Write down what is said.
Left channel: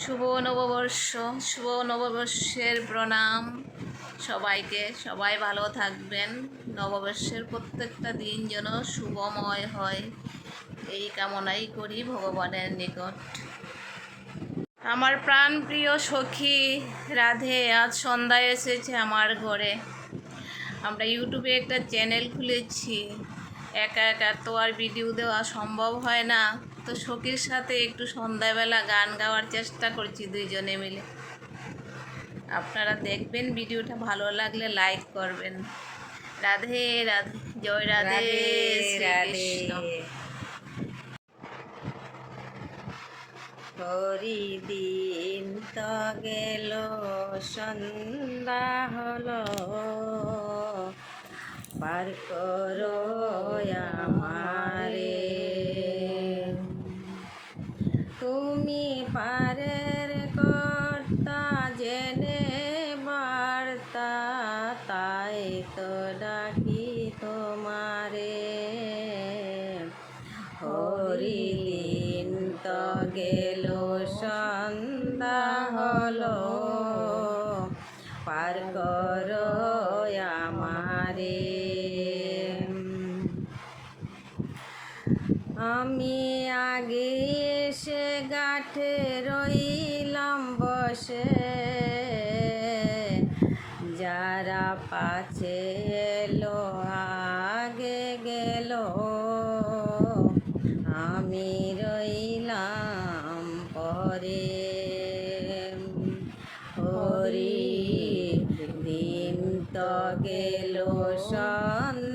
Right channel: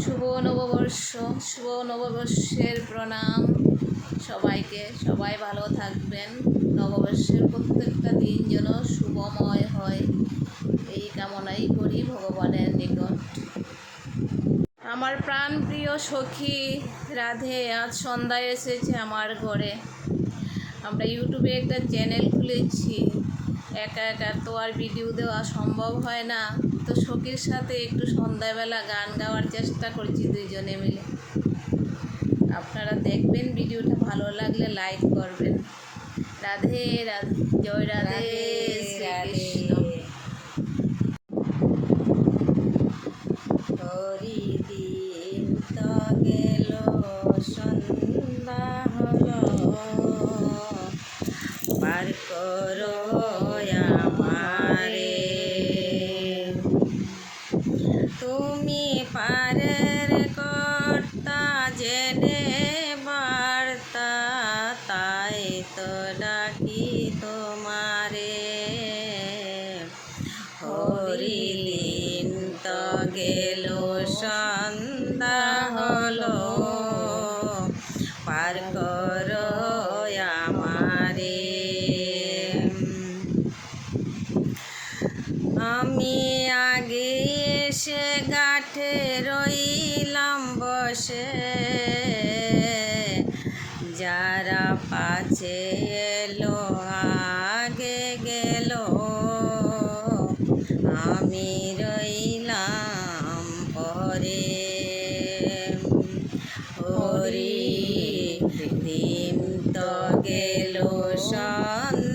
শুভ নববর্ষ, শুভ নববর্ষের প্রণাম সবাইকে। সবাই ভালো থাকবেন। নববর্ষের প্রত্যেকটা দিন যেন শুভময় হয়, এই কামনাই করি ভগবানের নিকট। আমার প্রাণপ্রিয় সখী রাধে আজ সন্ধ্যায় এসেছে আমার ঘরে। আমরা ইউটিউবে একটা চ্যানেল খুলেছি, একা একা তো আর ভিডিও দেওয়া সম্ভব হয় না, তো সখীর সাথে একটু সন্ধ্যাবেলা গান গাওয়ার চেষ্টা করছি দুইজনে মিলে। আপনারা দেখবেন, ভিডিওটা ভালো লাগলে লাইক করবেন। রাধে রাধে, জয় রাধে শ্রীকৃষ্ণ। হরিদিন তো গেল সন্ধ্যা হলো, পার করো আমারে। তুমি পারের কর্তা জেনে বার্তা, তাই তো ডাকি তোমারে। হরিদিন তো গেল সন্ধ্যা হলো, পার করো আমারে। আমি আগে এসে গাঁঠে রইলাম বসে, যারা পাছে এলো আগে গেল, আমি রইলাম পরে। হরি দিন তো গেল সন্ধ্যা